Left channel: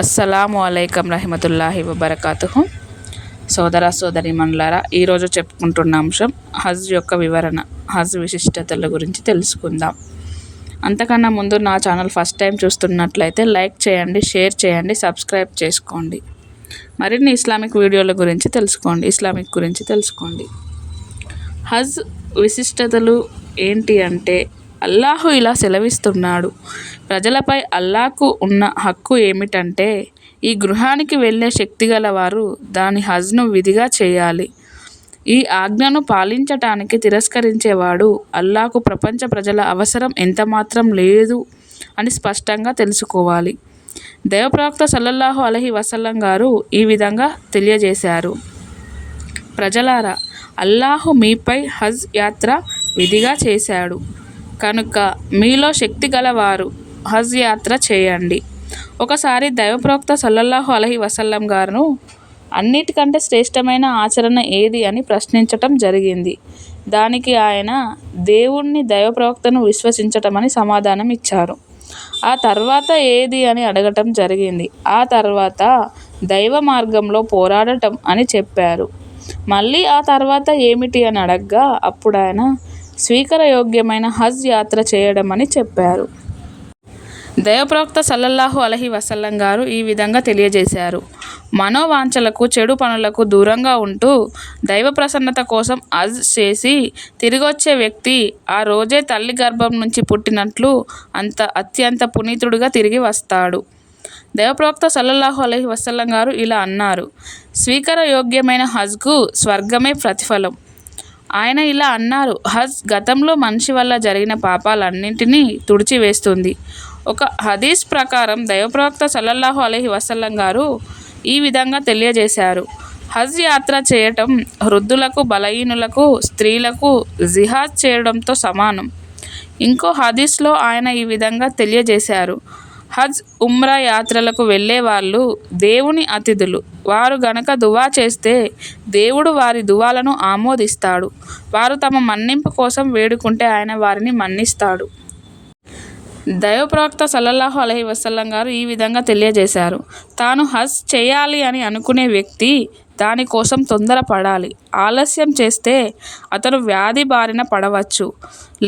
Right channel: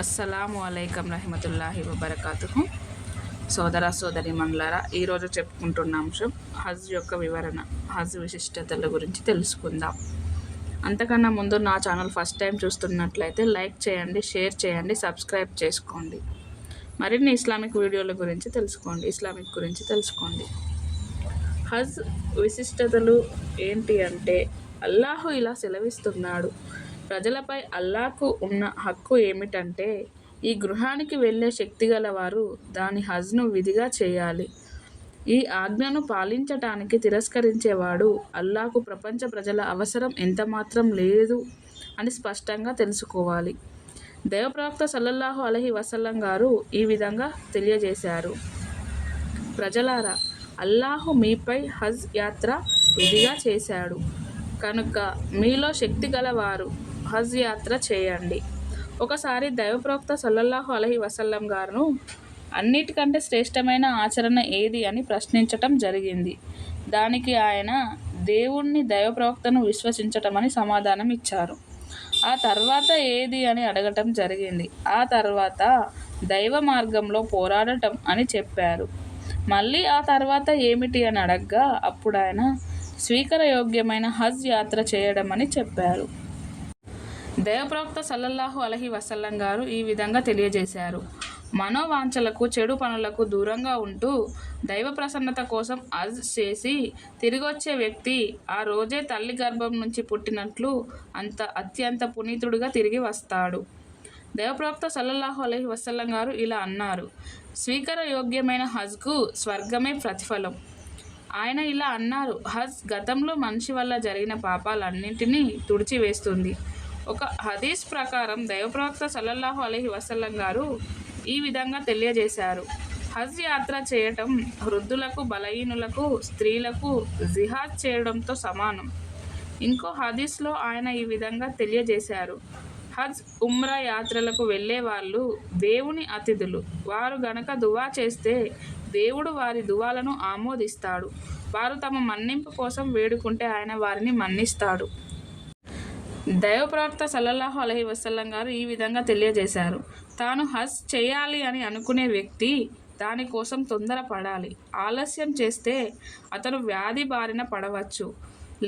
అస్సలాము అలైకం రహమతుల్లాహి వబరకాతుహు. సోదర సోదరీమణులారా, ఈరోజు చెప్పుకుంటున్న అంశం హజ్ యొక్క వివరణ, హజ్ విశిష్టతల గురించి తెలుసుకుందాం. అంతకన్నా ముందు నా ఛానల్ ఫస్ట్ టైం చూస్తున్నట్లయితే లైక్ చేయండి, షేర్ చేయండి, సబ్స్క్రైబ్ చేసుకోండి. మరిన్ని ఇస్లామిక్ వీడియోల గురించి తెలుసుకోండి, ఇస్లామిక్ గురించి తెలుసుకోండి. హజ్ విశిష్టతలు ఏంటి అంటే, అల్లాహు ఇలా సెలవిస్తున్నాడు. ప్రజలపై అల్లాహకు ఉన్న హక్కు ఏమిటంటే, ఈ గృహానికి వెళ్ళే శక్తిగల వారు దాని హజ్ను విధిగా చేయాలి. ఈ ఆజ్ఞను పాలించటానికి తిరస్కరించేవాడు అల్లాహకు ప్రపంచ ప్రజల అవసరం ఎంతమాత్రం లేదు అని స్పష్టంగా తెలుసుకోవాలి. దైవప్రవక్త సల్లల్లాహు అలైహి వసల్లం గారు ఈ విధంగా తెలియజేశారు. ప్రజలారా, అల్లాహు మీపై హజ్ యాత్ర విధిగా చేశాడు కనుక మీలో శక్తి గలవారు హజ్ యాత్ర చేయండి. ఒకసారి దైవప్రవక్త సల్లల్లాహు అలైహి వసల్లం గారు అన్నిటికంటే శ్రేష్టమైన ఆచరణ ఏది అని ప్రశ్నించటం జరిగింది. దానికి ఆయన దేవుణ్ణి, దైవప్రవక్తను విశ్వసించటం అని సమాధానం ఇచ్చారు. ఆ తర్వాత ఏది అని అడగటం జరిగింది. ఆ తర్వాత దైవ మార్గంలో పోరాడటం అని చెప్పారు. మళ్ళీ ఆ తర్వాత ఏమిటి అని అడగ్గా అప్పుడు ఆయన స్వీకారయోగ్యమైన హజ్ యాత్ర చేయడం అని చెప్పారు. దైవప్రవక్త సల్లల్లాహు అలైహి వసల్లం గారు ఈ విధంగా తెలియజేశారు. మనోవాంఛలకు, చెడు పనులకు దూరంగా ఉంటూ దైవ ప్రసన్నత కోసం హజ్ చేసి తిరిగొచ్చే వ్యక్తి ఆ రోజే తల్లి గర్భం నుంచి పుట్టినట్లు అత్యంత పునీతుడిగా తిరిగి వస్తాడు. దైవప్రవక్త సల్లల్లాహు అలైహి వసల్లం గారు ఇలా అన్నారు. స్వీకారయోగ్యమైన హజ్కు స్వర్గమే ప్రతిఫలం. ఆయన ఇలా అన్నారు. హజ్ గతంలో మనిషి వల్ల జరిగిన పాపాలన్నింటినీ తుడిచివేస్తుంది. ఒక హదీస్ ప్రకారం దైవప్రవక్త సల్లల్లాహు అలైహి వసల్లం గారు ఈ విధంగా తెలియజేశారు. హజ్ యాత్ర చేయటం వృద్ధులకు, బలహీనులకు, స్త్రీలకు జిహాద్ చేయడంతో సమానం. ఇంకో హదీస్లో ఆయన ఈ విధంగా తెలియజేశారు. హజ్, ఉమ్రా యాత్రలకు వెళ్ళే వాళ్ళు దేవుని అతిథులు. వారు గనక దువా చేస్తే దేవుడు వారి దువాలను ఆమోదిస్తాడు. వారు తమ మన్నింపు కోసం వేడుకుంటే ఆయన వారిని మన్నిస్తాడు. దైవప్రవక్త సల్లల్లాహు అలైహి వసల్లం గారు ఈ విధంగా తెలియజేశారు. తాను హజ్ చేయాలి అని అనుకునే వ్యక్తి దానికోసం తొందరపడాలి. ఆలస్యం చేస్తే అతను వ్యాధి బారిన పడవచ్చు,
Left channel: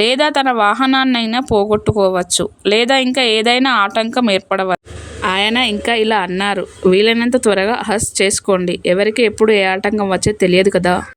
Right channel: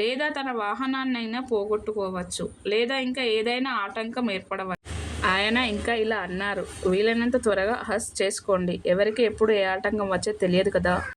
లేదా తన వాహనాన్నైనా పోగొట్టుకోవచ్చు, లేదా ఇంకా ఏదైనా ఆటంకం ఏర్పడవచ్చు. ఆయన ఇంకా ఇలా అన్నారు. వీలైనంత త్వరగా హజ్ చేసుకోండి. ఎవరికి ఎప్పుడు ఏ ఆటంకం వచ్చేది తెలియదు కదా.